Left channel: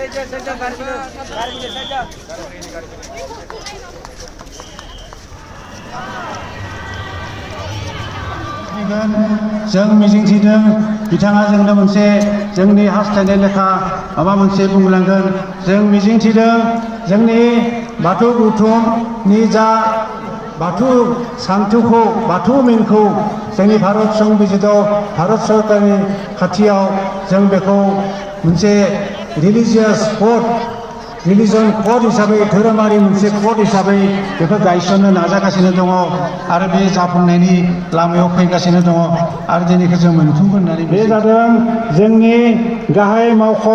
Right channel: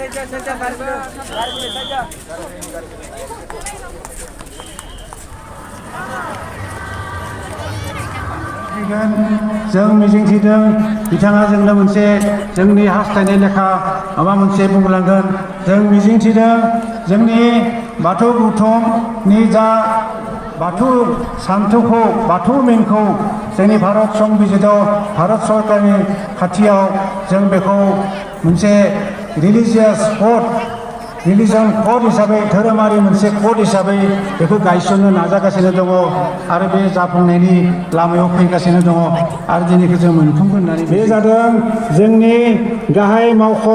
जों मिजिंथिदों बिथाङा जोंनो मोनसे जोंनि हास्थायनाय लेखा माबा मोनसे बुंलांगोन। जों मिजिंथिदों जोंनि बाथौ गौथुमनि जा बाथौ सान्थौखौ बाथौ मेनखौ जोंनि भारत संबिजिताव भारत सरकारनि खाथियाव जों बेखौ मोनसे रिलिजियास कड रिलिजन कड हिसाबै धोरोमारि मोनसे कड हिसाबै बेखौ गायसननो नाजागासिनो दङ आरो बे जाफुंनायनि लामायाव फैगासिनो दङ आरो दिनैखौ जों मोनफुंगोन होननानै बे जादों जोंनि गाहाय मावख'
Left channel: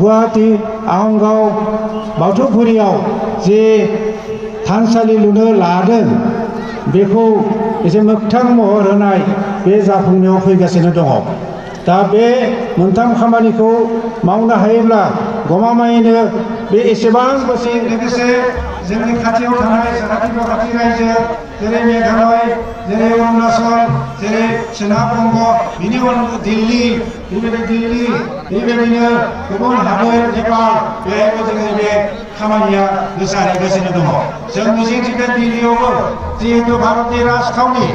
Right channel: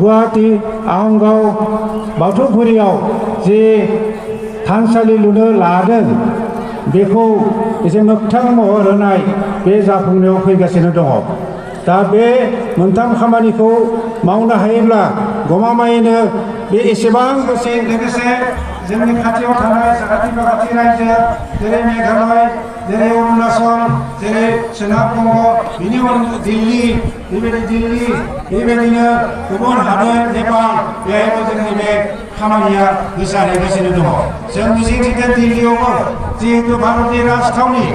गुवाहाटी आहंगाव बाथौफुरियाव जे थानसालि लुनो लादों बेखौ एसे मोगथां महर होनाय बे जाफुंनायाव फैगासिनो दङ। दा बे मोनथाम खामानिखौ मावनो हायोब्ला गमामायैनो बे एसेबां दसे लोगोसे जोंनि खाथियाव थानाय साखाथियाव खाथि रायजो जेरै मेघालय जेरै अरुणाचल जेरै सोनाब बंग बिनि दिल्ली बेबायदिनो गुबुन हादोर नेपाल बेहायबो जोंनि बे खामानिया गोसारहैगासिनो दङ। जों मिजिंथिदों दिल्लीयावबो जिहेतु भारतनि राजथावनि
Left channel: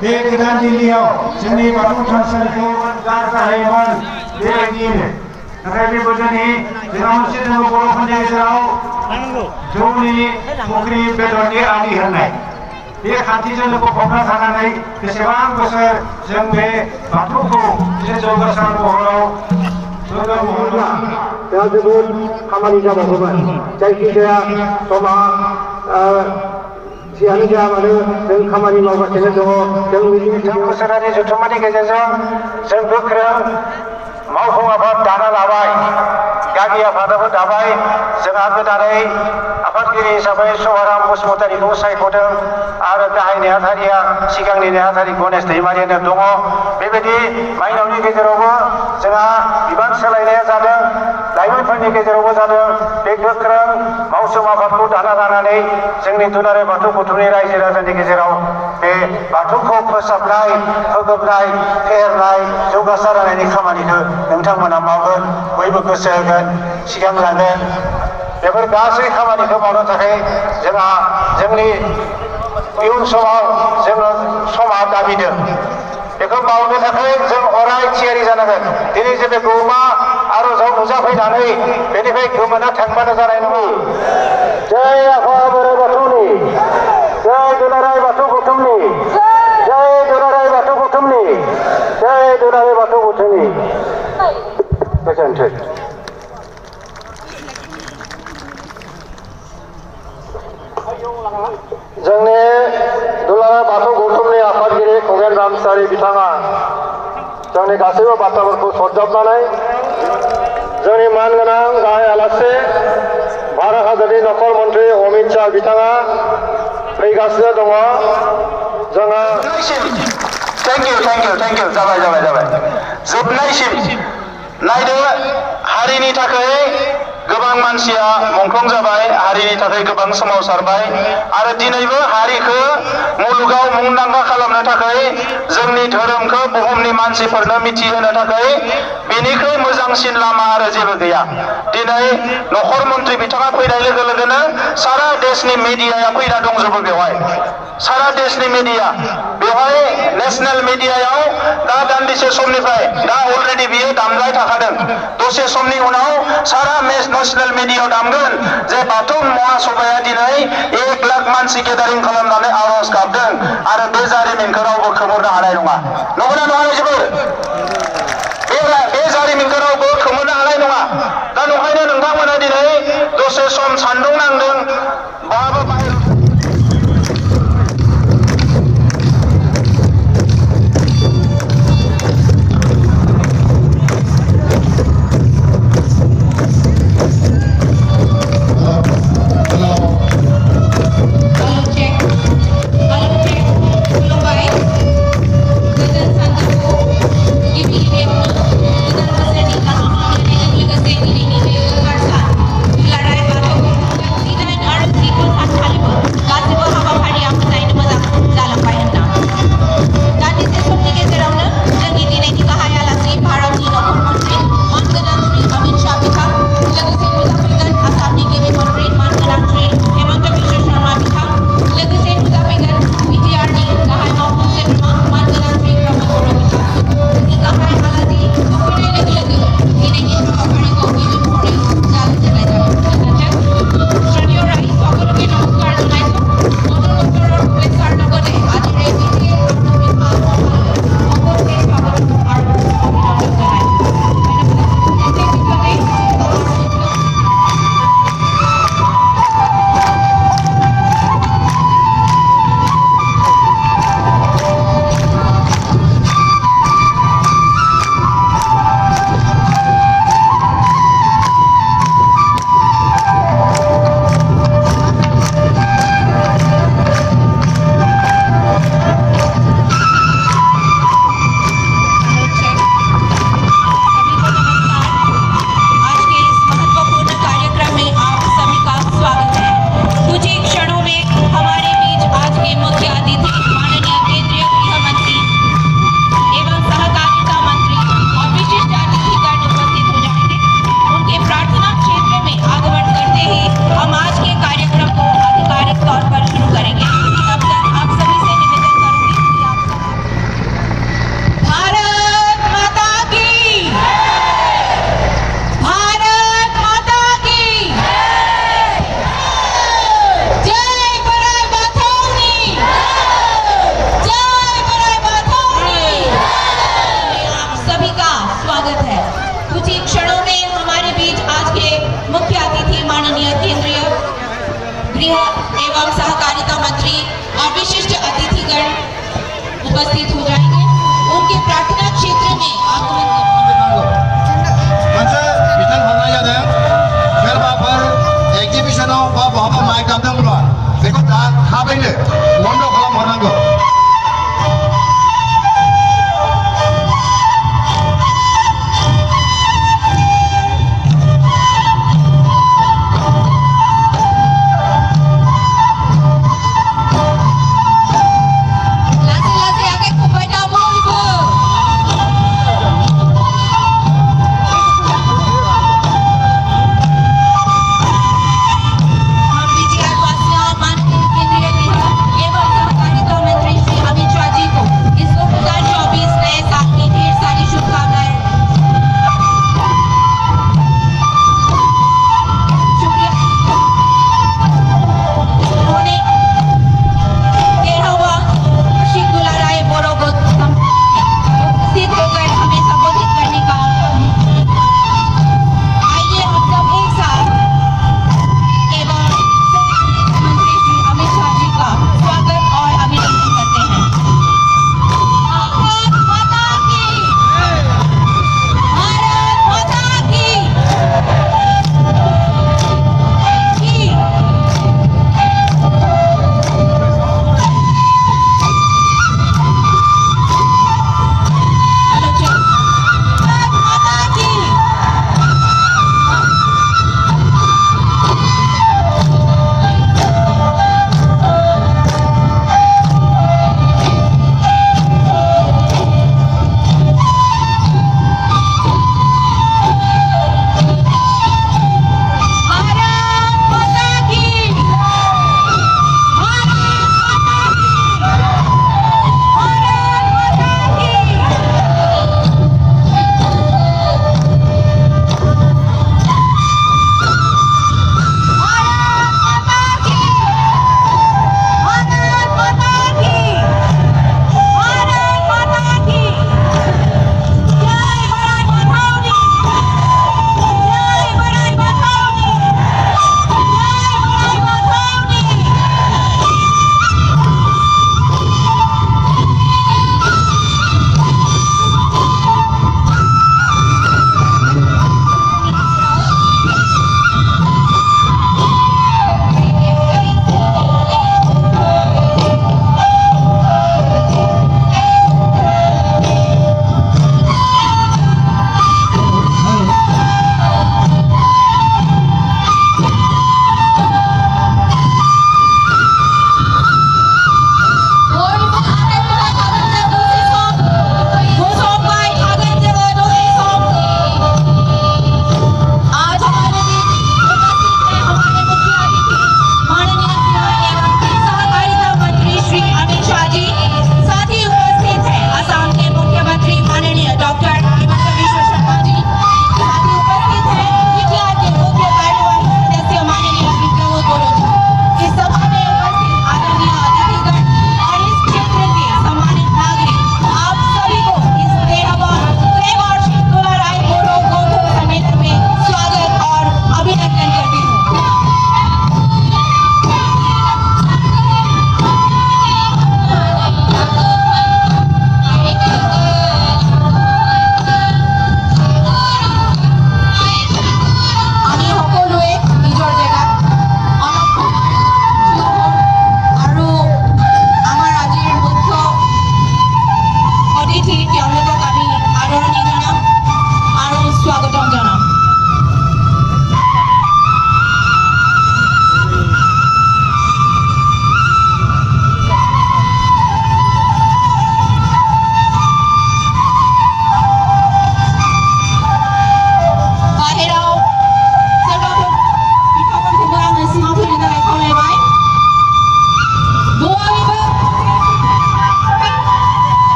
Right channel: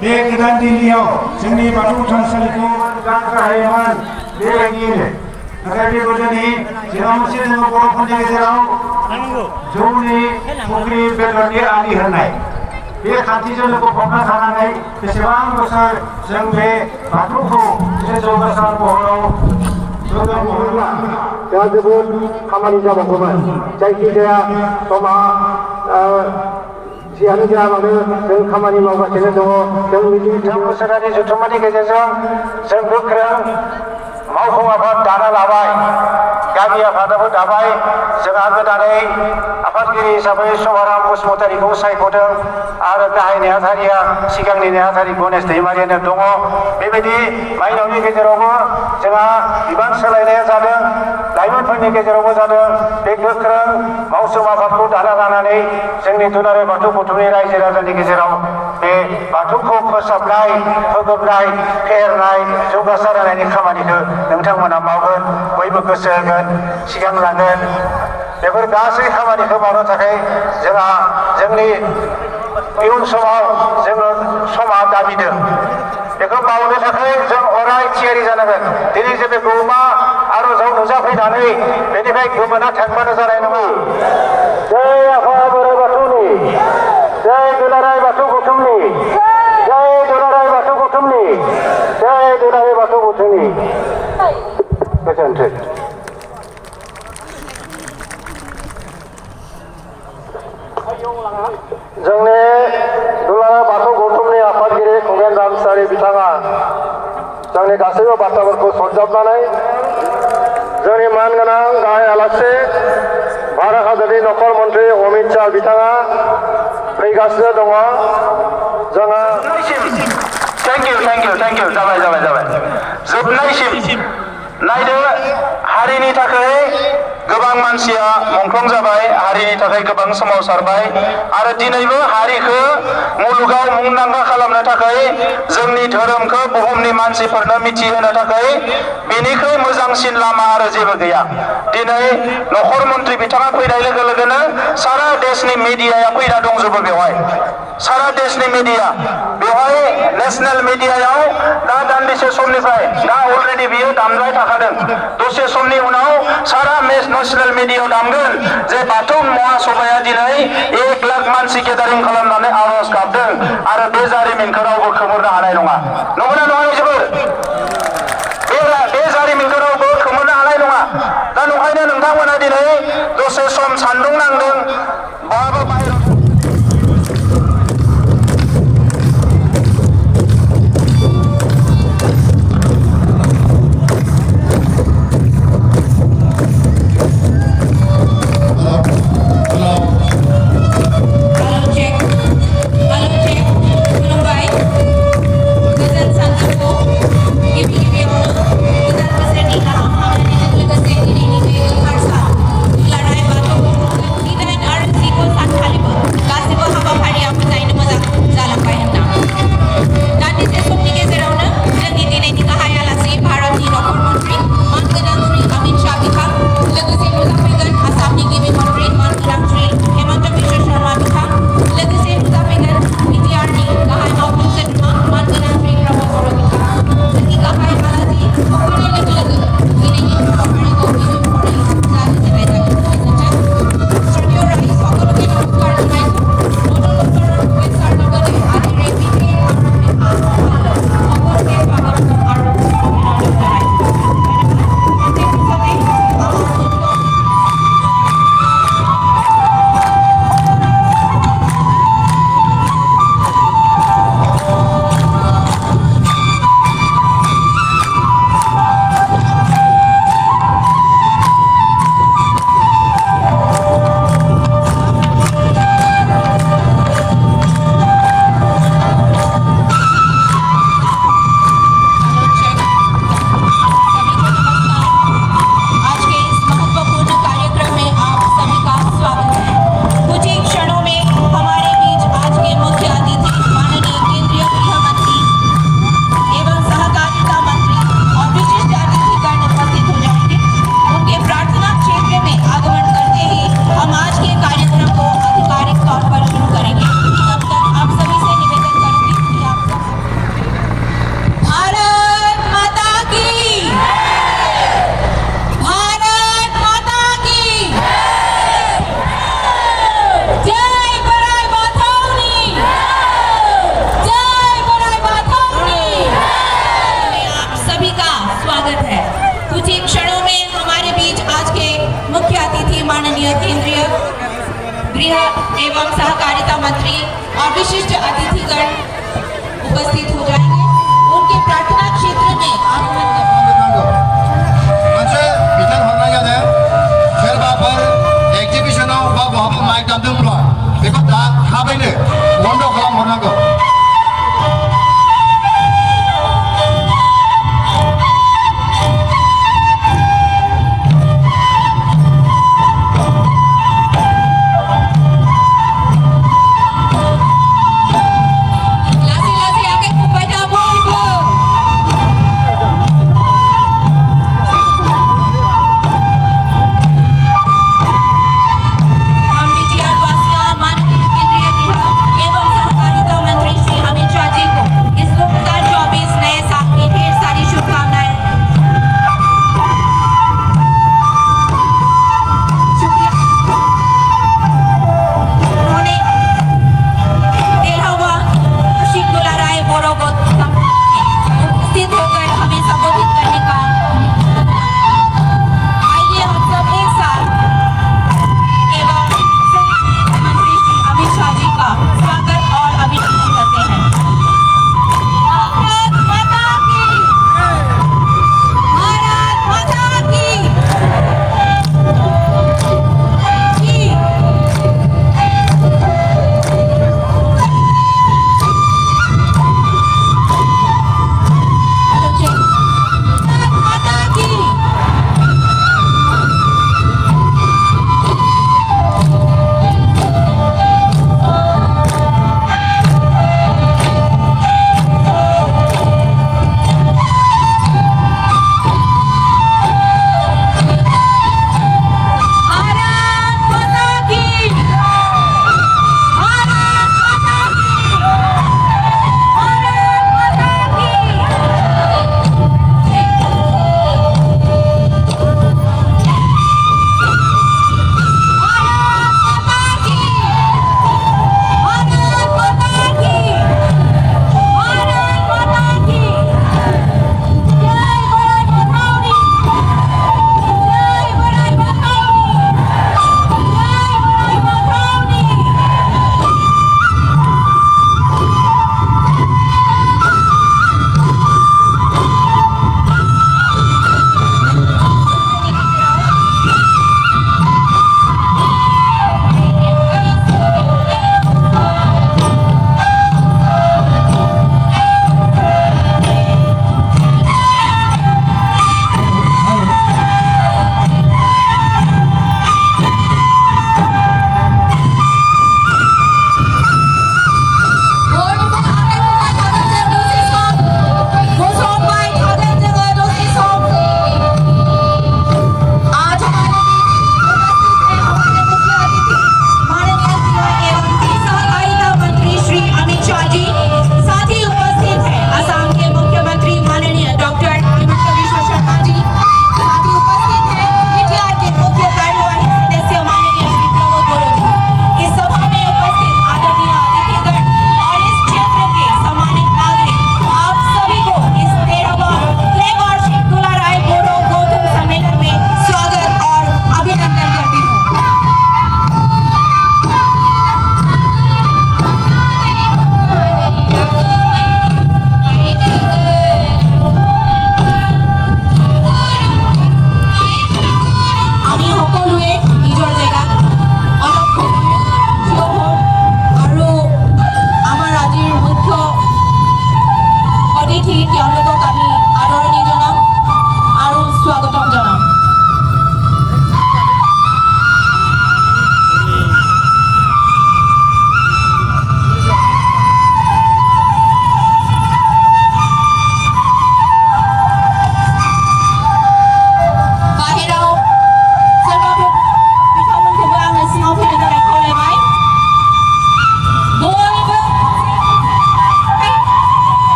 बे गोदान दिल्लीयाव जोंनि बाथौ थानसालिखौ गाहायमोन बेबायदियैनो नाथाय बेबो जोंनि जेराव मोनसे जोङो बर'फोरनि गेजेराव जौनि फुख्रि बेदरनि आलि होनाय बे खान्थिजों गफबना थानानै बेसेबां बोसोर जों बे बाथौखौ जौगासार महराव गोग्गोम महराव दा जोबोद खामानि जाबावगौमोन। जायखिजाया समा जियानो जा मानो जों खामानि मावगासिनो दङ। जों बोसोरारि जथुम्मानि गेजेरजों जों गोख्रों मावफुं आफाद दाना लाबाय, गागि आफादाबो दाबाय। जोंहा गोदानै आफादगिरि हिसाबै सभाराम बसुमतारीखौ सायख'दों आरो गाहाय नेहाथारिया सिगांनि नेहाथारि गणेश दैमारियानो दङ। बेबायदि माइनावनि गेजेरावबो जोंहा बिबान सोलायनाया जादों, लाइमोनफोरनि गेजेरावबो जादों। बे गोख्रों मावसुम आफादखौ दाना लानानै जोंनि दुलाराय बाथौ गौथुमनि रायजो राजानि गेजेराव बे बाथौखौ फोसाबनाय, फोगोबनाय, फेहेरनाय, जौगासार होनायनि खामानिखौ नोंथांमोना मावगोन, बयबो गोसो होगोन, सिगांलांगोन। बेफोर गासै खामानिखौ मावनो थाखाय जोंहा जोंनि इयुन समाव जोङो समा दाबिदों। बेखौ मावनो थाखाय जों अराय थियारि जानांगोन। दिनै जेबो गौमा आर'जाव नुजाफैनानै बेनिफ्राय गोमोना थांबानो जानाय नङा। जय आफा बोराइ बाथौनि, जय दुलाराय बाथौ गौथुमनि, जय दुलाराय बाथौ गौथुमनि, जय दुलाराय बाथौ गौथुमनि। गोजोन्थों। जोंनि दुलाराय बाथौ गौथुमनि आफादगिरि खगेन रामचारि बिथाङा जोंनि गासैबो बाथ्राफोरखौ सरजाबनानै जोंनि मानगोनां गाहाय आलासि भारत हादरनि नखर मन्त्रि अमित शाह बिथाङा फैगासिनो दङ। जोङो थेंक इउ जाबाय जोबनायसिम नायदो हारिनि थाखाय गोबां मानसिया मुंख्लं जाबाय, हारिनि थाखाय गोबां सोमावसारबाय आरो दिनैबो हारिखौ मुलुगाव मुंदांखा खालामनो थाखाय जोंनि धोरोमखौ बुहुमनि मानसिफोरनो मिथिहोनो थाखाय बेनिख्रुइ मोजांसिन लामा आरो जेबो गैया। दिनै नखर मन्त्रि बिथाङा फैनाय लोगो लोगोनो सारा देशनि मिडियाया फैना दंजोबो बेवहाय। सारा देशनि मिडिया बेवहाय नेशनेल मिडियायाव दा दान्दिसे समनिफ्राय दा अलरेडि बियो दामबाय थाखादों। दसे समनि उनाव सारा नेशनेल मिडियायाव दामगोन जे बाथौ महासभाया दिनै 1 लाख मानसि गेदारिं खालामनानै आर'ज गाबदों आरो बे जारिमिनखौ रावबो खोमोरनो हानाय नङा। नंगौना नङा जोबोर? बे जारिमिनखौ रावबो खोमोरनो हानाय नङा। दा नंखायनो नोंथांमोना दिनै दसे सम सान्दुं नांदों बाबो Thank you. एवं सहकारिता मंत्री और विशिष्ट अतिथिगण उपस्थित हो जाएंगे। उनके प्रार्थना क्षेत्र में आगमन मोनसे बिथोन हरनाय जादों सोरबाफोर एक्जिबिशनाव बा बहाबा माइक दामदोंब्ला बेखौ दा थाबैनो बन्द खालामहरनांगौ। Langsung akan kepada Ibu.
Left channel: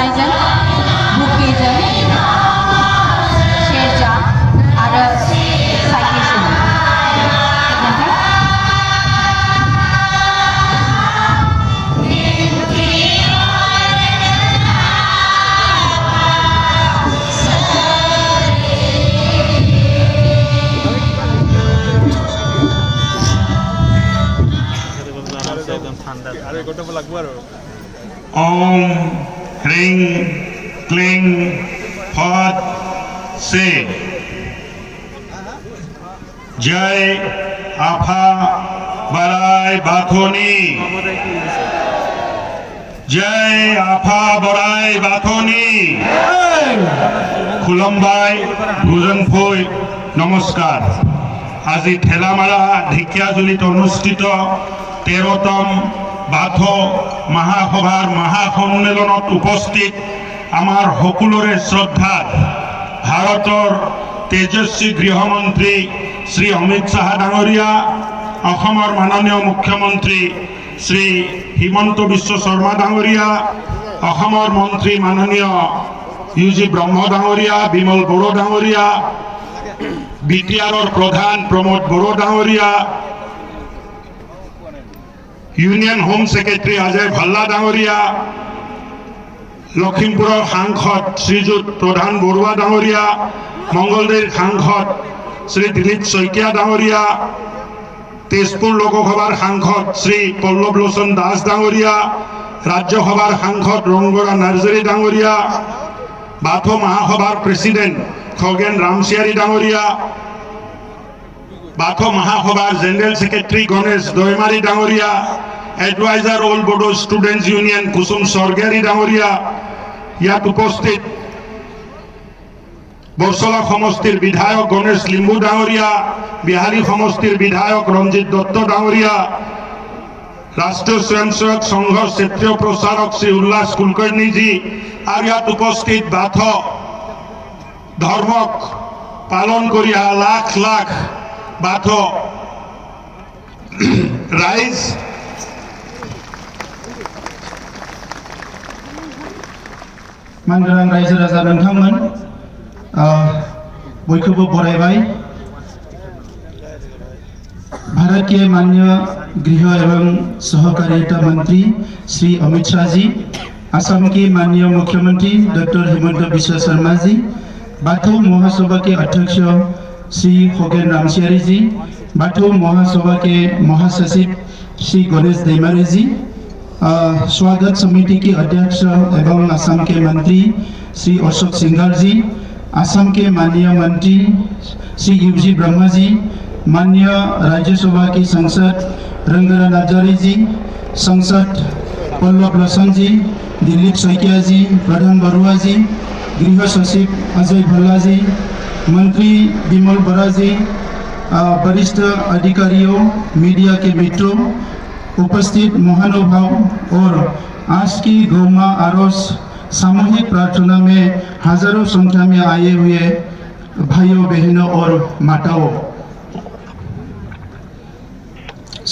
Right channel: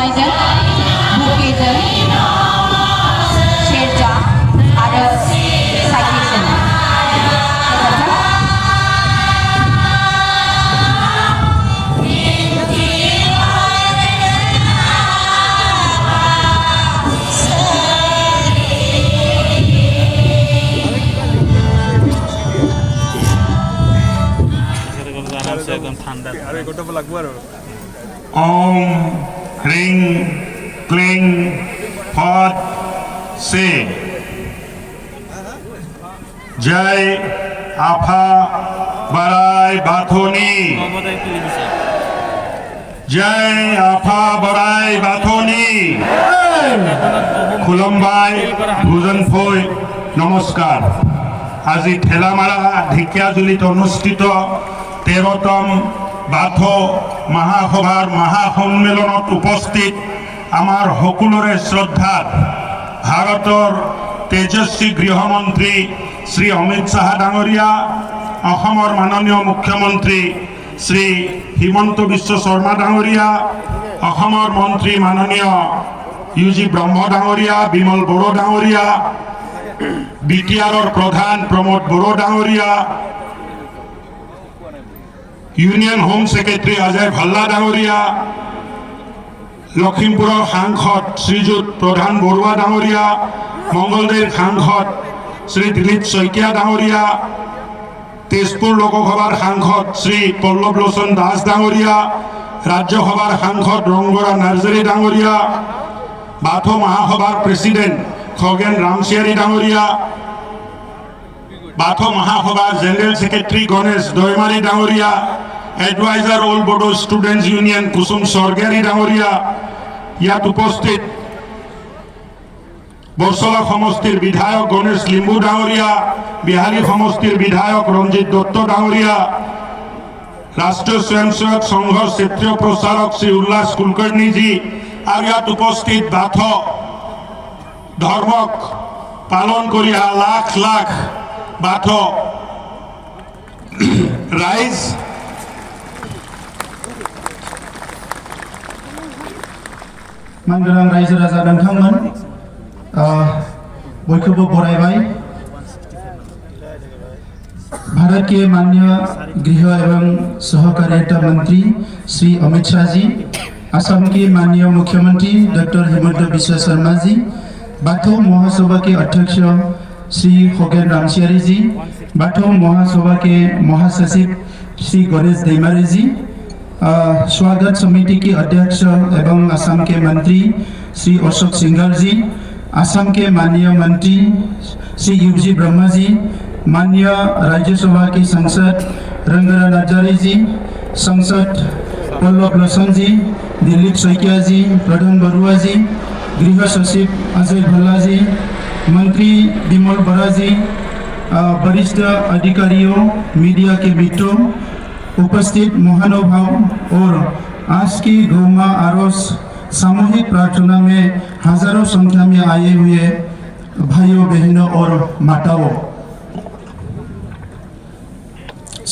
खालामनायजों बुकेजों सेरजा आरो साइकेलजों ओम ह्रीं क्लीं फट से जय आफा बोराइ बाथौनि जय आफा बोराइ बाथौनि खुलुमबाय भुजनफै नमस्कार আজি ঠেলামারা ঢেকিয়াজুলিত অনুষ্ঠিত 13তম বাথৌ মহাসভাৰ মহাসন্মিলনত উপস্থিত আমাৰ সকলোৰে শ্ৰদ্ধাৰ ভাৰতৰ তেজস্বী গৃহমন্ত্ৰী শ্ৰী অমিত শাহ ডাঙৰীয়া অসমৰ মাননীয় মুখ্যমন্ত্ৰী শ্ৰী হিমন্ত বিশ্ব শৰ্মা ডাঙৰীয়া অসমৰ মন্ত্ৰী মাননীয় ইউজি ব্ৰহ্ম ডাঙৰীয়া বিমল বড়ো ডাঙৰীয়া বিটিআৰৰ প্ৰধান প্ৰমোদ বড়ো ডাঙৰীয়া union home secretary Ajay Bhalla ডাঙৰীয়া লখিমপুৰৰ সাংসদ শ্ৰীযুত প্ৰধান বৰুৱা ডাঙৰীয়া মংগলদৈৰ সাংসদ শ্ৰী দিলীপ শইকীয়া ডাঙৰীয়া তেজপুৰ লোকসভাৰ সাংসদ শ্ৰী পল্লৱ লোচন দাস ডাঙৰীয়া ৰাজ্যসভাৰ সাংসদ ৰংগৰা নাৰ্জাৰী ডাঙৰীয়া বাথৌ মহাসভাৰ প্ৰেসিডেন্ট খগেন ৰামচিয়াৰী ডাঙৰীয়া বাথৌ মহাসভাৰ জেনারেল সেক্রেটারি গণেশ দৈমাৰী ডাঙৰীয়া এডভাইজার অল বড়ো স্টুডেন্টস ইউনিয়ন কুসুম স্বর্গিয়াৰী ডাঙৰীয়া ইয়াত উপস্থিত বৰছলা সমষ্টিৰ বিধায়ক গণেশ লিম্বু ডাঙৰীয়া বিহালী সমষ্টিৰ বিধায়ক ৰঞ্জিত দত্ত ডাঙৰীয়া ৰাষ্ট্ৰীয় স্বয়ংসেৱক সংঘৰ ক্ষেত্ৰীয় প্ৰচাৰক শ্ৰী উল্লাস কুলকৰ্ণীজী আৰু ইয়াত উপস্থিত বাথৌ ধৰ্মক পালন কৰি লাখ লাখ বাথৌ রাইজ मानगोनां रायजो राजा नोंथांमोन बयखौबो बरायबाय भारत के माननीय गृह एवं सहकारिता मंत्री श्री अमित शाह जी असम के माननीय मुख्यमंत्री डॉक्टर हिमंत बिश्व शर्मा जी बाथौ महासभा के अध्यक्ष श्री खगेन रामसियारी जी बाथौ महासभा के महासचिव श्री गणेश दैमारी जी स्वागत समिति के अध्यक्ष एवं असम के मंत्री श्री अशोक सिंघल जी असम के माननीय मंत्री श्री यूजी ब्रह्मा जी माननीय राज्यसभा की सांसद रंगरा नार्जारी जी सांसद पल्लव लोचन जी दिलीप शइकिया जी प्रधान बरुआ जी गृह सचिव अजय भल्ला जी मंत्री बिमल बरा जी वरिष्ठ अधिकारियों मीडिया के मित्रों उपस्थित महानुभाव और आज की गौमा आरोस सामूहिक प्रार्थना में हजारों संख्या में आए हुए भाइयों बहनों और माताओं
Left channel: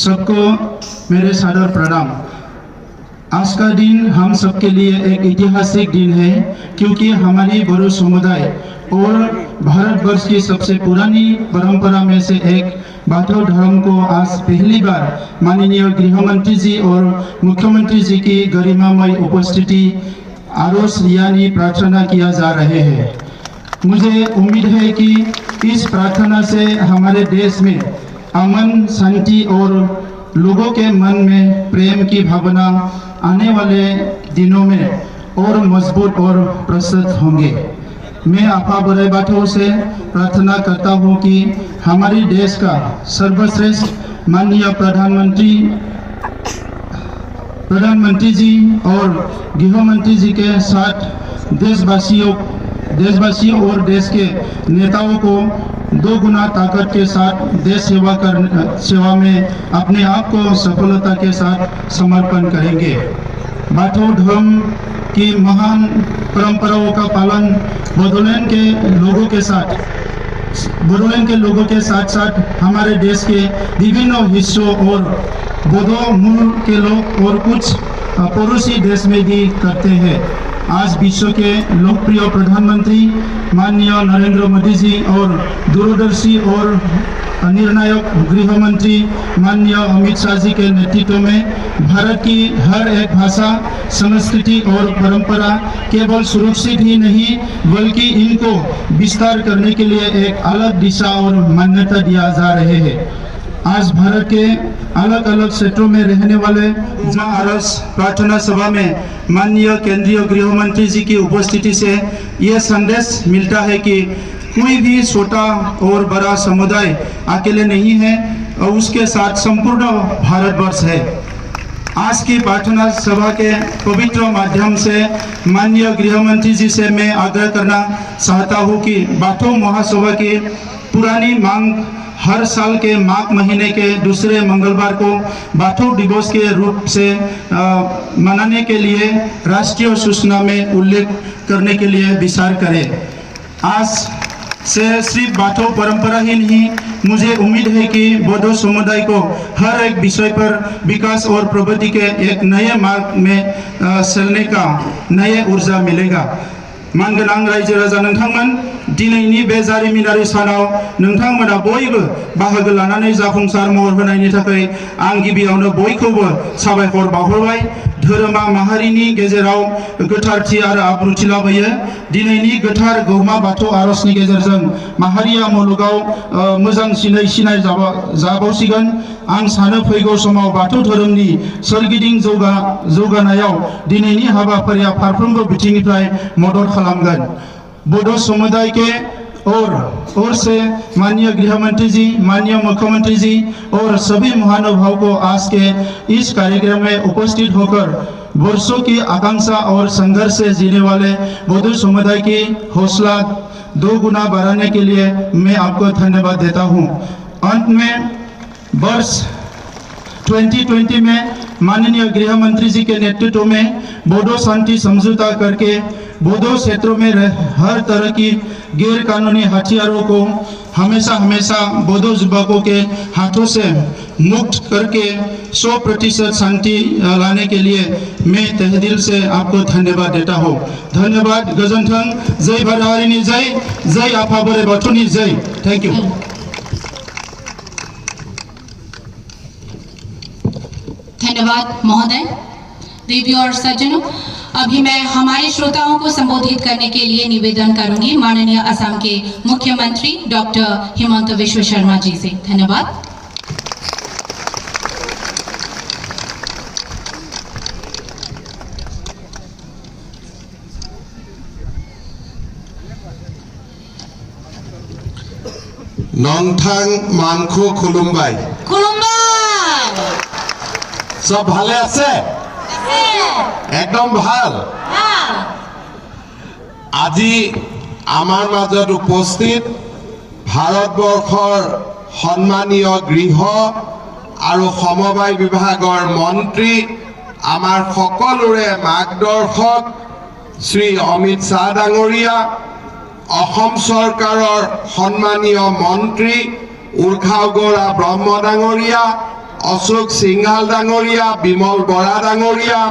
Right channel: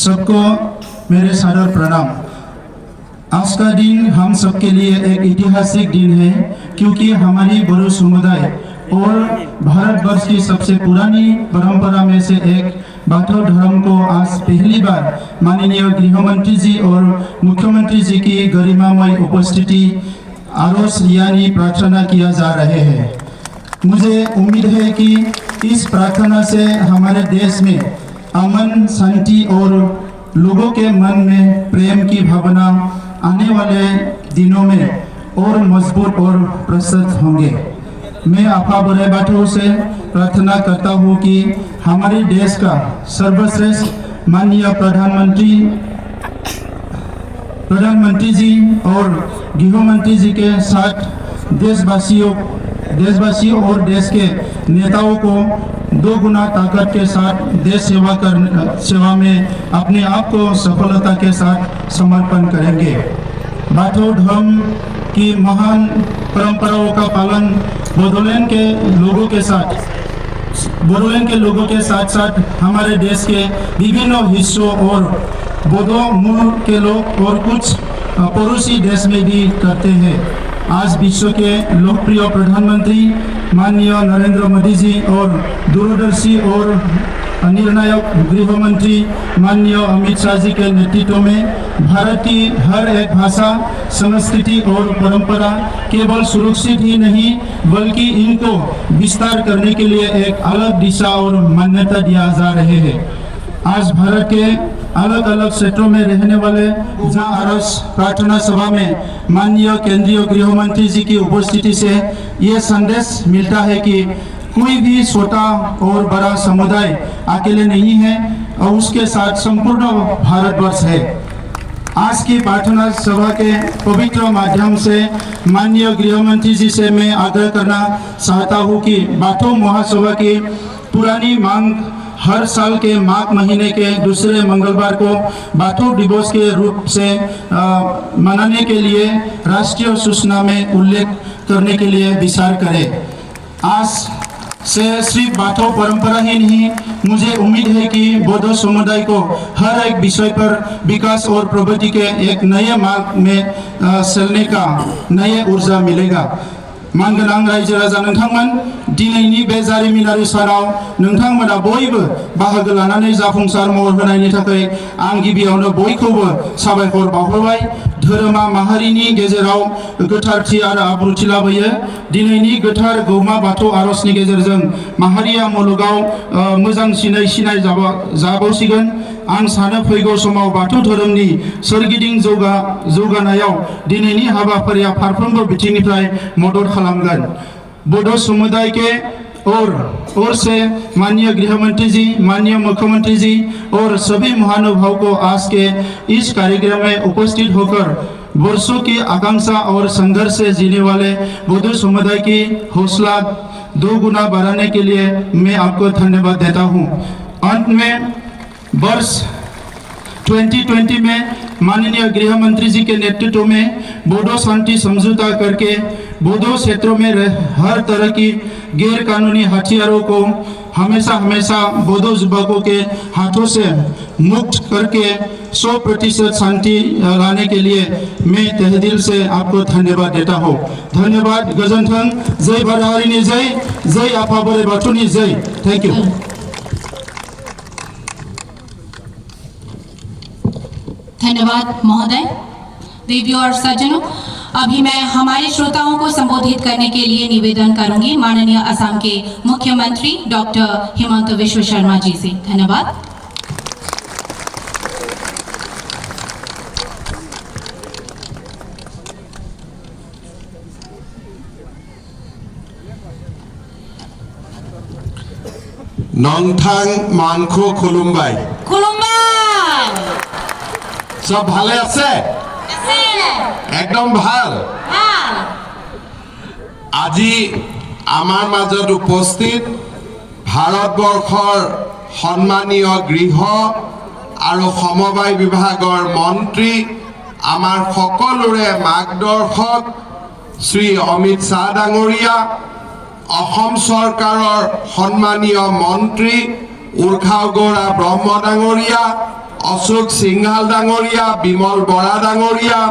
सबको मेरे सादर प्रणाम। आज का दिन हम सबके लिए एक ऐतिहासिक दिन है क्योंकि हमारी बोरो समुदाय और भारतवर्ष की सबसे पुरानी परंपरा में से एक बाथौ धर्म को आज पहली बार माननीय गृह मंत्री जी और मुख्यमंत्री जी की गरिमामय उपस्थिति आरोस यानी प्रार्थना किया जा रहे हैं। मुझे उम्मीद है कि इस प्रार्थना से हमारे देश में अमन शांति और लोगों के मन में प्रेम की भावना आने वाले दिनों में और मजबूत और प्रस्तुत होंगे। मैं आपा बोराइ बाथौ से प्रार्थना करता हूँ कि हमारे देश का सर्वश्रेष्ठ माननीय प्रधानमंत्री जी और गृह मंत्री जी के साथ देशवासियों और देश के नेताओं को दो गुना ताकत के साथ देश सेवा में अपने आप को सफलता के साथ समर्पण करेंगे। बाथौ धर्म की महान परंपराओं का पालन बोडोलैंड के लोगों के साथ साथ हमारे देश के विभिन्न हिस्सों और बोडो मूल के लोग और कुछ पड़ोसी देश में भी करते हैं। आज विश्व के लोकप्रिय प्रधानमंत्री माननीय नरेंद्र मोदी जी और दूरदर्शी और निर्णायक गृह मंत्री माननीय अमित शाह जी के नेतृत्व में भारत की हर एक भाषा, संस्कृति और परंपरा केवल सुरक्षित ही नहीं बल्कि इनको विस्तार करने के लिए एक अलग दिशा और मान्यता दिया जा रहे हैं। आज भारत के अलग अलग क्षेत्रों में रहने वाले आरस प्रार्थना सभा में माननीय केंद्रीय गृह मंत्री जी की उपस्थिति से ये संदेश मिलता है कि कोई भी छोटा और बड़ा समुदाय अकेले नहीं है और उसके साथ संपूर्ण भारतवर्ष है। आज की प्रार्थना सभा के पवित्र माध्यम से माननीय गृह मंत्री जी से मैं आग्रह करना चाहता हूँ कि बाथौ महासभा की पुरानी मांग हर साल के माघ महीने के दूसरे मंगलवार को बाथौ दिवस के रूप से मनाने के लिए राष्ट्रीय सूचना में उल्लेख करने के लिए विचार करें। आज से सिर्फ बाथौ परंपरा ही नहीं, मुझे उम्मीद है कि बौद्ध समुदाय को हर एक विषय पर विकास और प्रगति के एक नए मार्ग में चलने का नए ऊर्जा मिलेगा। मानगोनां रायजो राजा नोंथांमोन, दिनैनि बे जारिमिनारि सानाव नोंथांमोना बयबो बाहागो लानानै जाफुंसार महर होनायनि थाखाय आं गिबियावनो बयखौबो साबायखर बावहरबाय। धोरोमा माहारिनि गेजेराव गोथारथि आरो आब्रुथि लाबोयो। दिनैनि गोथार गौमा बाथौ आरजनि गेजेरजों माहारिया मुलुगाव मोजांसिनै सिनाय जाबावसिगोन। आं सानो फैगौ समाव बाथौ धोरोमनि सोरगिदिं जौगानायाव दिनैनि हाबाफारिया फारफ्रोमबो बिथिंनिफ्राय मदद खालामगोन। बौद्ध समुदाय के और से माननीय गृह मंत्री जी, माननीय मुख्यमंत्री जी और सभी महानुभाव को आज के इस कार्यक्रम में उपस्थित होकर वर्षों की आकांक्षा और संघर्ष से जीने वाले बौद्ध समुदाय की हौसला 2 गुना बढ़ाने के लिए मैं आपको धन्यवाद देता हूँ। अंत में वर्ष 2020 में माननीय गृह मंत्री जी के नेतृत्व में बोडो शांति समझौता करके बौद्ध क्षेत्रों में हर तरह की गैर कानूनी हथियारों को हमेशा बौद्ध युवकों के हाथों से मुक्त करके 100% शांति लाने के लिए मैं तहे दिल से आपको धन्यवाद देता हूँ। धन्यवाद। गोजोन्थों। जय भारत हारिनि जय, जय आफा बोराइ बाथौनि जय। Thank you. धन्यवाद महोदय। देवी और सज्जनों, अभी मैं हमारे श्रोताओं को संबोधित करने के लिए निवेदन करूंगी माननीय असम के मुख्यमंत्री डॉक्टर हिमंत विश्व शर्मा जी से। धन्यवाद। नोंथां मानखो खुलुमबाय। खुलुमबाय। सब भाले আছে? একদম ভাল। আজি আমাৰ মাজত উপস্থিত ভাৰতবৰ্ষৰ সন্মানীয় গৃহ আৰু সমবায় বিভাগৰ মন্ত্ৰী, আমাৰ সকলোৰে মাৰ্গদৰ্শক শ্ৰী অমিত শ্বাহ ডাঙৰীয়া, অসম চৰকাৰৰ সন্মানীয় মন্ত্ৰী উৰ্খাওগৰা ব্ৰহ্ম ডাঙৰীয়া, অশোক সিংহাল ডাঙৰীয়া, বিমল বৰা ডাঙৰীয়া,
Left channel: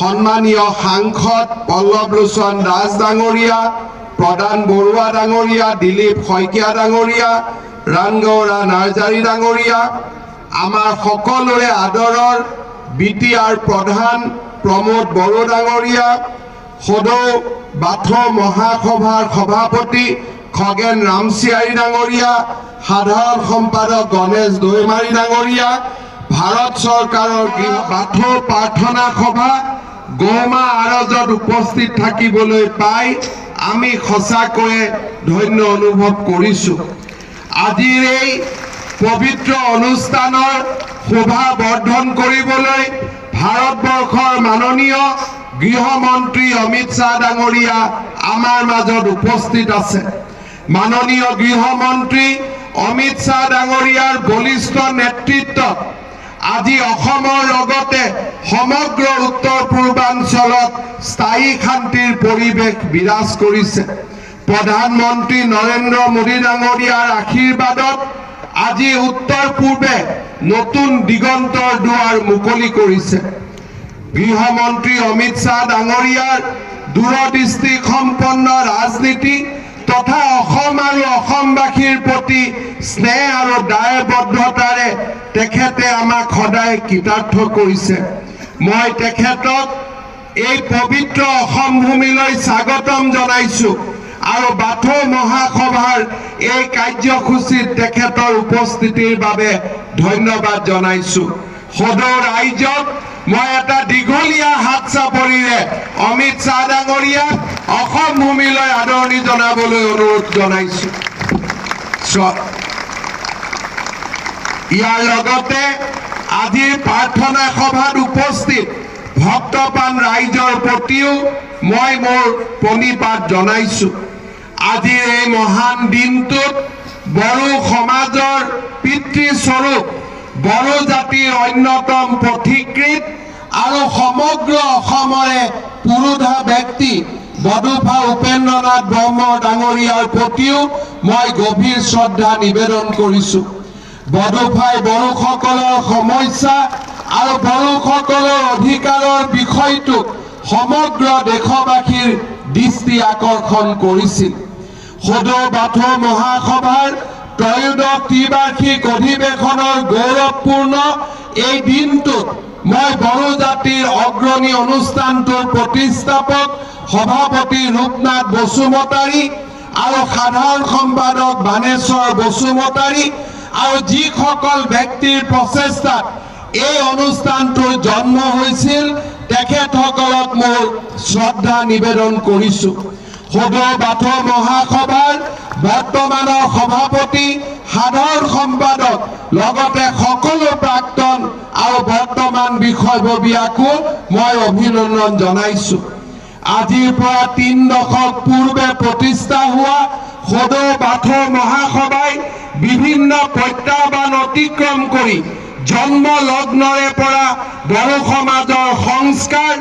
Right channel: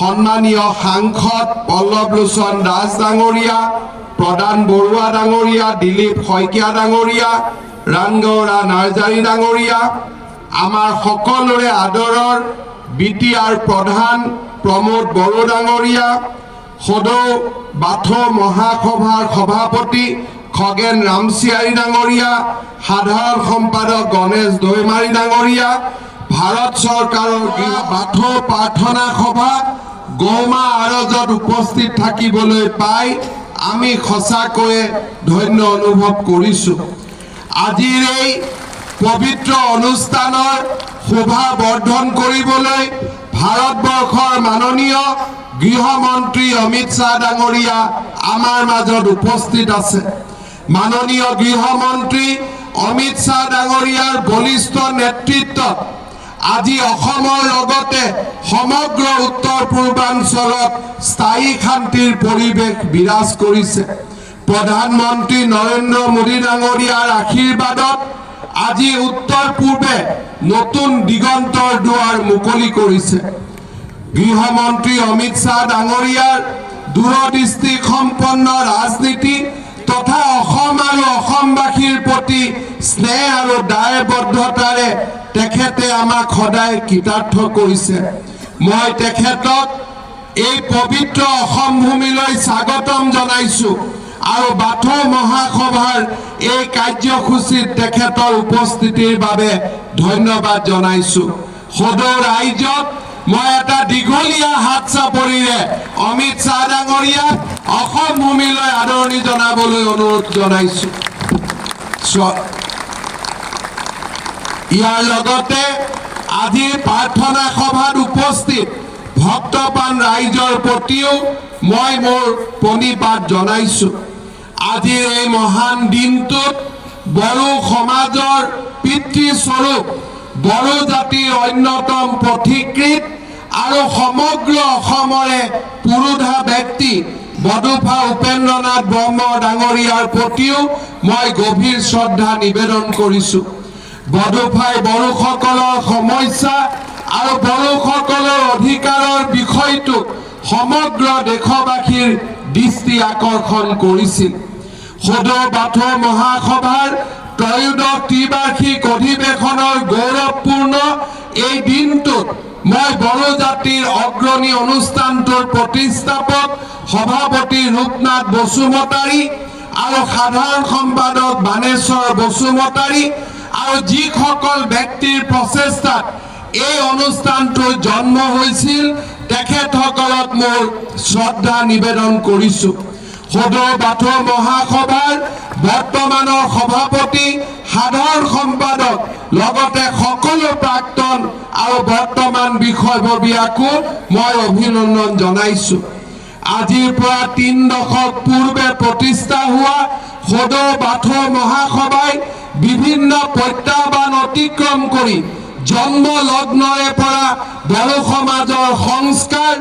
সন্মানীয় সাংসদ পল্লৱ লোচন দাস ডাঙৰীয়া, প্ৰধান বৰুৱা ডাঙৰীয়া, দিলীপ শইকীয়া ডাঙৰীয়া, ৰাণগৌৰা নাৰ্জাৰী ডাঙৰীয়া, আমাৰ সকলোৰে আদৰৰ BTR প্ৰধান প্ৰমোদ বড়ো ডাঙৰীয়া, সদৌ বাথৌ মহাসভাৰ সভাপতি খগেন ৰামচিয়াৰী ডাঙৰীয়া, সাধাৰণ সম্পাদক গণেশ দৈমাৰী ডাঙৰীয়া, ভাৰত চৰকাৰৰ বাথৌ প্ৰাৰ্থনা সভা গৌমা আৰজত উপস্থিত থাকিবলৈ পাই আমি সঁচাকৈয়ে ধন্য অনুভৱ কৰিছোঁ। আজিৰ এই পবিত্ৰ অনুষ্ঠানৰ শোভা বৰ্ধন কৰিবলৈ ভাৰতবৰ্ষৰ মাননীয় গৃহমন্ত্ৰী অমিত শ্বাহ ডাঙৰীয়া আমাৰ মাজত উপস্থিত আছে। মাননীয় গৃহমন্ত্ৰী অমিত শ্বাহ ডাঙৰীয়াৰ বলিষ্ঠ নেতৃত্বত আজি অসমৰ লগতে সমগ্ৰ উত্তৰ পূৰ্বাঞ্চলত স্থায়ী শান্তিৰ পৰিৱেশ বিৰাজ কৰিছে। প্ৰধানমন্ত্ৰী নৰেন্দ্ৰ মোদী ডাঙৰীয়াৰ আশীৰ্বাদত আজি উত্তৰ পূৰ্বে নতুন দিগন্তৰ দুৱাৰ মুকলি কৰিছে। গৃহমন্ত্ৰী অমিত শ্বাহ ডাঙৰীয়াৰ দূৰদৃষ্টি সম্পন্ন ৰাজনীতি তথা অসম আৰু অসমবাসীৰ প্ৰতি স্নেহ আৰু দায়বদ্ধতাৰে তেখেতে আমাক সদায় কৃতাৰ্থ কৰিছে। মই তেখেতক এই পবিত্ৰ অসম ভূমিলৈ স্বাগতম জনাইছোঁ আৰু বাথৌ মহাসভাৰ এই কাৰ্যসূচীত তেখেতৰ উপস্থিতিৰ বাবে ধন্যবাদ জনাইছোঁ। সদৌ ৰাইজক মই এটা দীঘলীয়া হাত চাপৰিৰে অমিত শ্বাহ ডাঙৰীয়াক অসম ভূমিলৈ আদৰণি জনাবলৈ অনুৰোধ জনাইছোঁ। ইয়াৰ লগতে আজিৰ প্ৰাৰ্থনা সভাত উপস্থিত ভক্তপ্ৰাণ ৰাইজৰ প্ৰতিও মই মোৰ প্ৰণিপাত জনাইছোঁ। আজিৰ এই মহান দিনটোত বড়ো সমাজৰ পিতৃস্বৰূপ বড়ো জাতিৰ অন্যতম পথিকৃত আৰু সমগ্ৰ অসমৰে পুৰোধা ব্যক্তি বডোফা উপেন্দ্ৰনাথ ব্ৰহ্ম ডাঙৰীয়াৰ প্ৰতিও মই গভীৰ শ্ৰদ্ধা নিবেদন কৰিছোঁ। বডোফাই বড়োসকলৰ সমস্যা আৰু বড়োসকলৰ অধিকাৰৰ বিষয়টোক সমগ্ৰ দেশবাসীৰ দৃষ্টি আকৰ্ষণ কৰিছিল। সদৌ বাথৌ মহাসভাৰ ত্ৰয়োদশ ত্ৰিবাৰ্ষিক অধিৱেশনৰ গৌৰৱপূৰ্ণ এই দিনটোত মই বড়ো জাতিৰ অগ্ৰণী অনুষ্ঠানটোৰ প্ৰতিষ্ঠাপক সভাপতি ৰূপনাথ বসুমতাৰী আৰু সাধাৰণ সম্পাদক বাণেশ্বৰ বসুমতাৰী আৰু যিসকল ব্যক্তিৰ প্ৰচেষ্টাত এই অনুষ্ঠানটোৰ জন্ম হৈছিল তেখেতসকলক মোৰ শ্ৰদ্ধা নিবেদন কৰিছোঁ। সদৌ বাথৌ মহাসভাৰ বৰ্তমানৰ সভাপতি সাধাৰণ সম্পাদক লগতে সকলো প্ৰাক্তন আৰু বৰ্তমান বিষয়ববীয়াকো মই অভিনন্দন জনাইছোঁ। আজিৰ পৰা ৩ দশক পূৰ্বে প্ৰতিষ্ঠা হোৱা সদৌ বাথৌ মহাসভাই বিভিন্ন প্ৰত্যাহ্বান অতিক্ৰম কৰি জন্ম লগ্নৰে পৰা বড়ো সমাজৰ সংস্কাৰ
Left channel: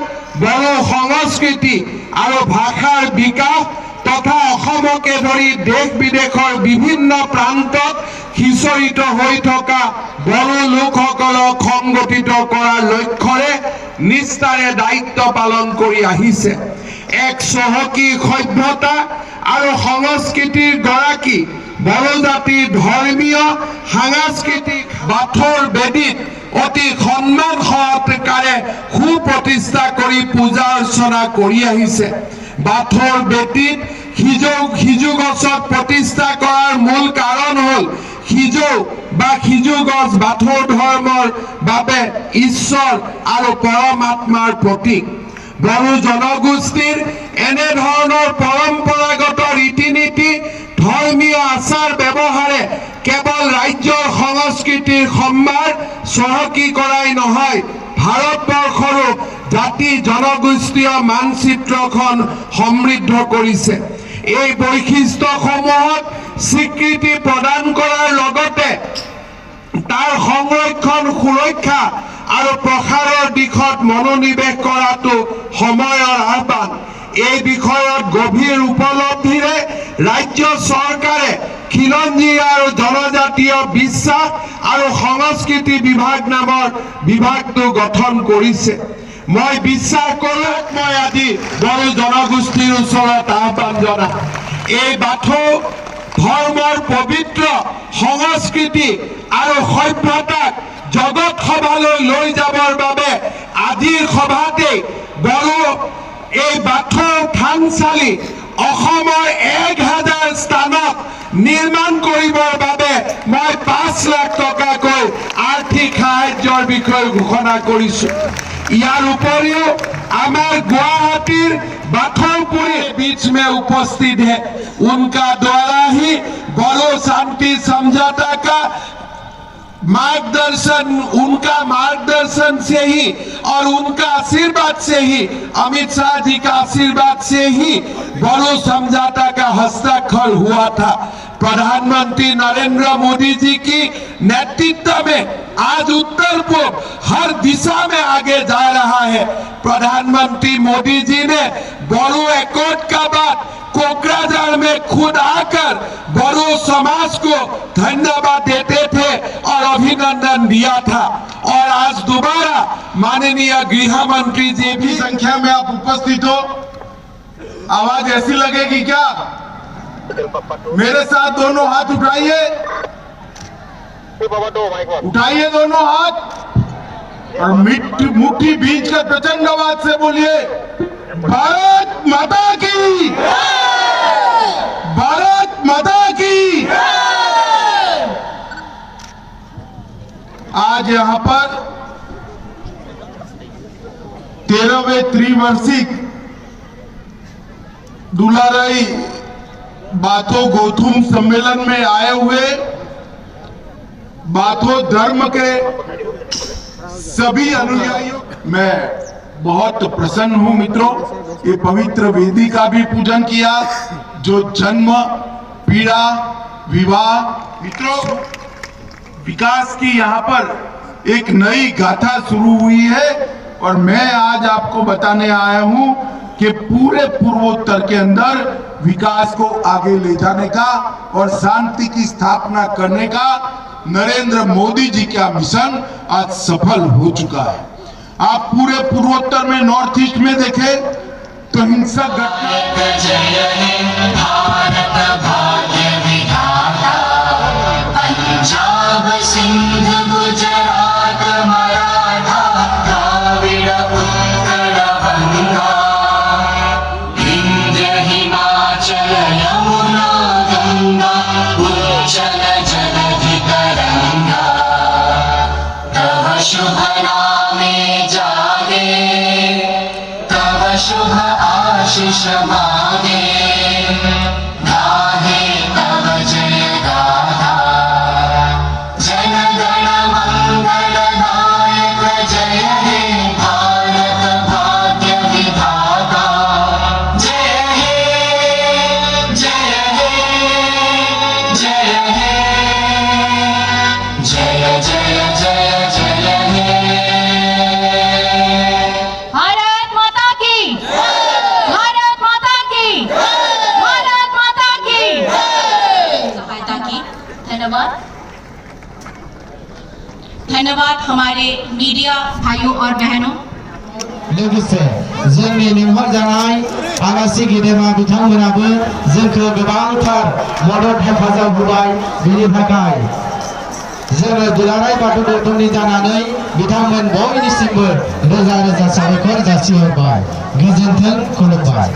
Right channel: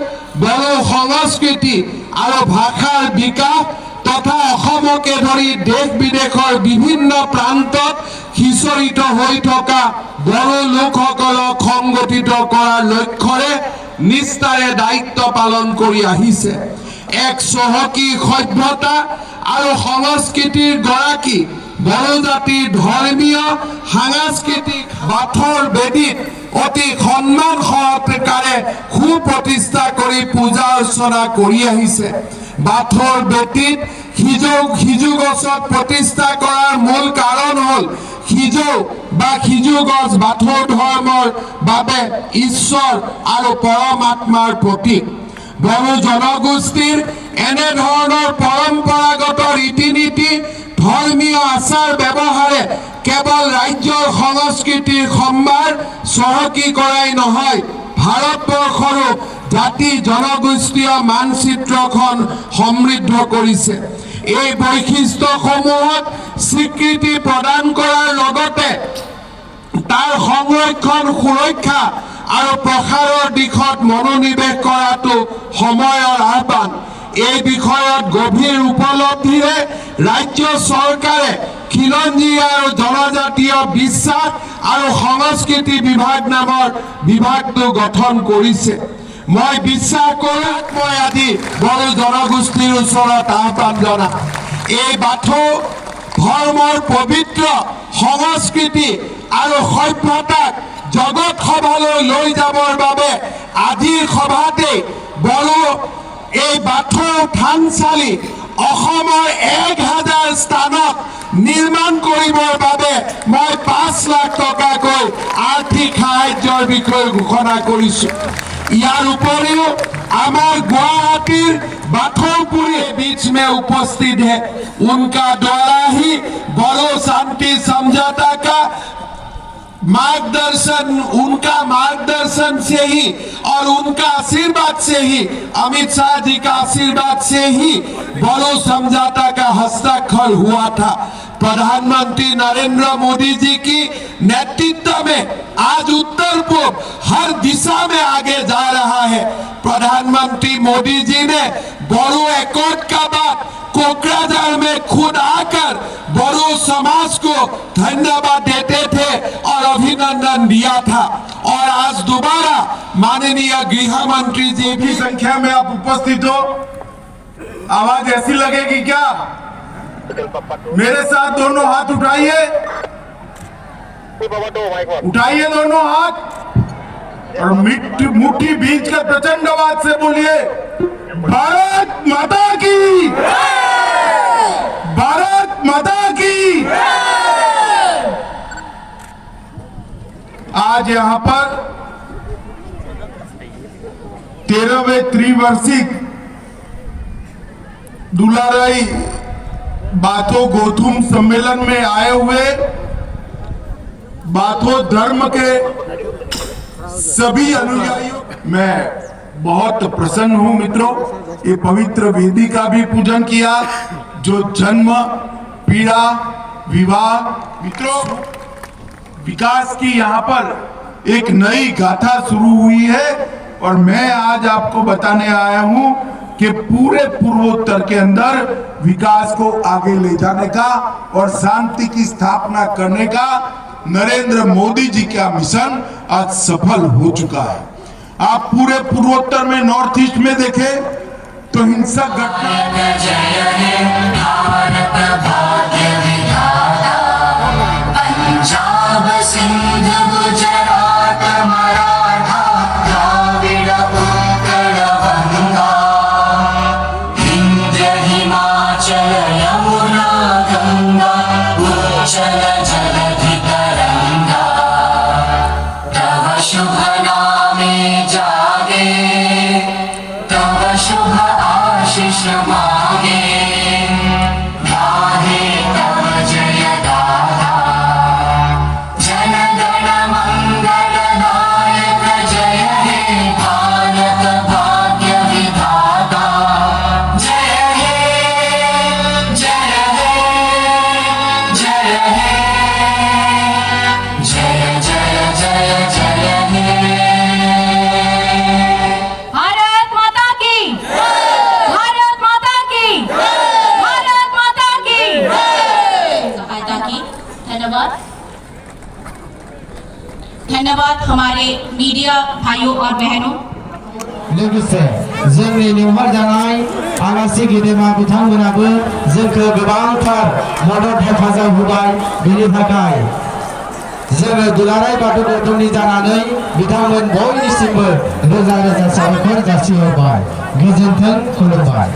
বড়ো সংস্কৃতি আৰু ভাষাৰ বিকাশ তথা অসমকে ধৰি দেশ বিদেশৰ বিভিন্ন প্ৰান্তত সিঁচৰিত হৈ থকা বড়ো লোকসকলক সংগঠিত কৰাৰ লক্ষ্যৰে নিষ্ঠাৰে দায়িত্ব পালন কৰি আহিছে। এক চহকী সভ্যতা আৰু সংস্কৃতিৰ গৰাকী বড়ো জাতিৰ ধৰ্মীয় সাংস্কৃতিক বাথৌৰ বেদীত অতি সন্মান সহকাৰে সুপ্ৰতিষ্ঠা কৰি পূজা অৰ্চনা কৰি আহিছে। বাথৌৰ বেদীত সিজু গছত প্ৰতিষ্ঠা কৰাৰ মূল কাৰণ হ'ল সিজু গছ বাথৌ ধৰ্মৰ বাবে ঈশ্বৰ আৰু পৰমাত্মাৰ প্ৰতীক। বড়ো জনগোষ্ঠীৰ এনেধৰণৰ পৰম্পৰাগত ৰীতি নীতি ধৰ্মীয় আচাৰ ব্যৱহাৰে কেৱল ৰাজ্যৰ সংস্কৃতিৰ সম্ভাৰ চহকী কৰাই নহয় ভাৰতবৰ্ষৰো জাতি জনগোষ্ঠীয় মানচিত্ৰখন সমৃদ্ধ কৰিছে। এই বৈশিষ্ট্যসমূহক স্বীকৃতি প্ৰদান কৰাৰ লগতে তাৰ সংৰক্ষণ সুৰক্ষা আৰু প্ৰসাৰৰ দিশত মনোনিৱেশ কৰাটো সময়ৰ আহ্বান। এই বিষয়ত গভীৰ উপলব্ধিৰে ৰাজ্য চৰকাৰে খিলঞ্জী আৰু জনজাতীয় বিশ্বাস আৰু সংস্কৃতি বিভাগ নামৰ বিভাগটো গঠন কৰিছে। মই বিশ্বাস কৰোঁ মই আজি বড়ো জনগোষ্ঠীৰ ওচৰত আহ্বান জনাম এই বাথৌ ধৰ্মৰ পবিত্ৰ সংস্কৃতি আৰু সভ্যতাক জগত সভালৈ লৈ যাবৰ বাবে আজিৰ সভাতেই বড়ো এই বাথৌ থানচালি অসমৰ 1000 স্থানত নিৰ্মাণ কৰিবৰ বাবে মই 5 লাখ টকাকৈ আৰ্থিক সাহায্যৰ বিষয়ে ঘোষণা কৰিছোঁ। ইয়াৰ উপৰিও আমাৰ গুৱাহাটীৰ बाथौपुरी बीच में उपस्थित है, उनका द्वारा ही बड़ो शांति समझौता का मार्गदर्शन, उनका मार्गदर्शन से ही और उनका आशीर्वाद से ही, अमित शाह जी का आशीर्वाद से ही बड़ो समझौता का हस्ताक्षर हुआ था। प्रधानमंत्री नरेंद्र मोदी जी की नेतृत्व में आज उत्तर पूर्व हर दिशा में आगे जा रहा है। प्रधानमंत्री मोदी जी ने बड़ो एकॉर्ड का बाद कोकराझार में खुद आकर बड़ो समाज को धन्यवाद देते थे और अभिनंदन दिया था, और आज दोबारा माननीय गृह मंत्री जी की संख्या में आप उपस्थित हो, आवाज ऐसी लगेगी क्या? मेरे साथ दोनों हाथ उठाइए, उठाइए दोनों हाथ और मुट्ठी बीच कर प्रचंड आवाज से बोलिए, भारत माता की, भारत माता की। आज यहाँ पर 13वें त्रिवार्षिक दुलाराई बाथो गौतम सम्मेलन में आए हुए बाथो धर्म के सभी अनुयायियों मैं बहुत प्रसन्न हूं मित्रों। ये पवित्र वेदी का भी पूजन किया जो जन्म, पीड़ा, विवाह, मित्रों विकास की यहाँ पर एक नई गाथा शुरू हुई है और मैं आज आपको बताने आया हूं कि पूरे पूर्वोत्तर के अंदर विकास को आगे ले जाने का और शांति की स्थापना करने का नरेंद्र मोदी जी का मिशन आज सफल हो चुका है। आप पूरे पूर्वोत्तर में नॉर्थ ईस्ट में देखें तो हिंसक घटना सिंध गुजरात मराठा द्राविड़ उत्कल गंगा विंध्य हिमाचल यमुना गंगा उच्चल जलधि तरंगा तव शुभ नामे जागे तव शुभ आशीष मांगे गाहे तव जय गाथा जन गण मंगल नायक जय हे भारत भाग्य विधाता जय हे जय हे जय हे जय जय जय जय हे भारत माता की, भारत माता की, भारत माता की सहायता की। धन्यवाद। धन्यवाद हमारे मीडिया भाइयों और बहनों। लोगोसे जोंनि लिंहर जानाय आलासि गेदेमा बिथांमोनाबो जोंखौ गोबांथार मदद हेफाजाब होबाय। बेनि थाखाय जोङो दुलाराय बाथौ गौतमनि जानानै बिथांमोन बयनिसिमबो रोजा रोजा साबायखर जासिहरबाय। गोजोन्थों, खुलुमबाय।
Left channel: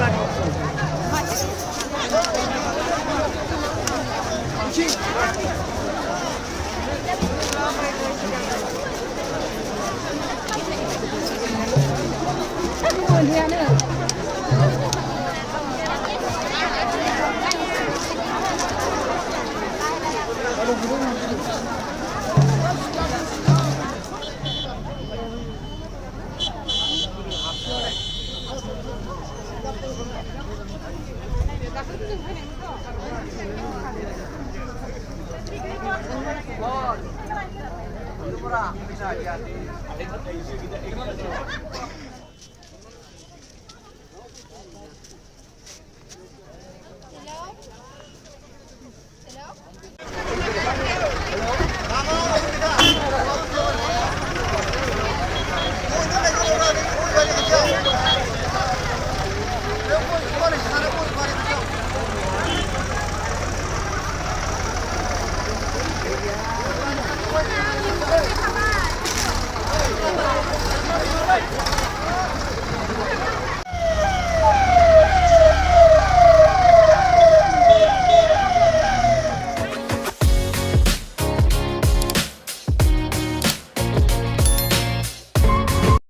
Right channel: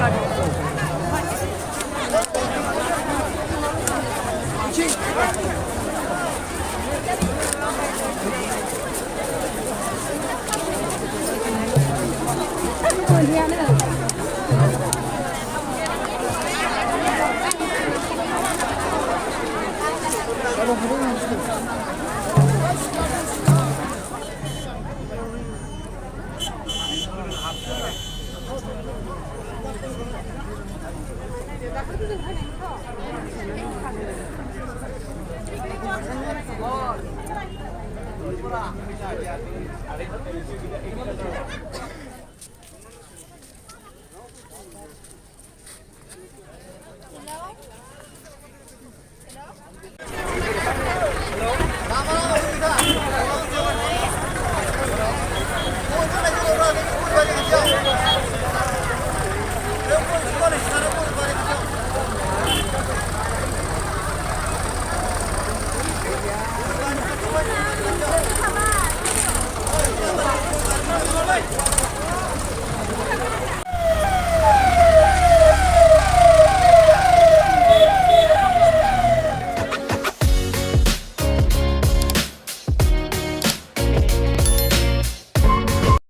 Terima kasih.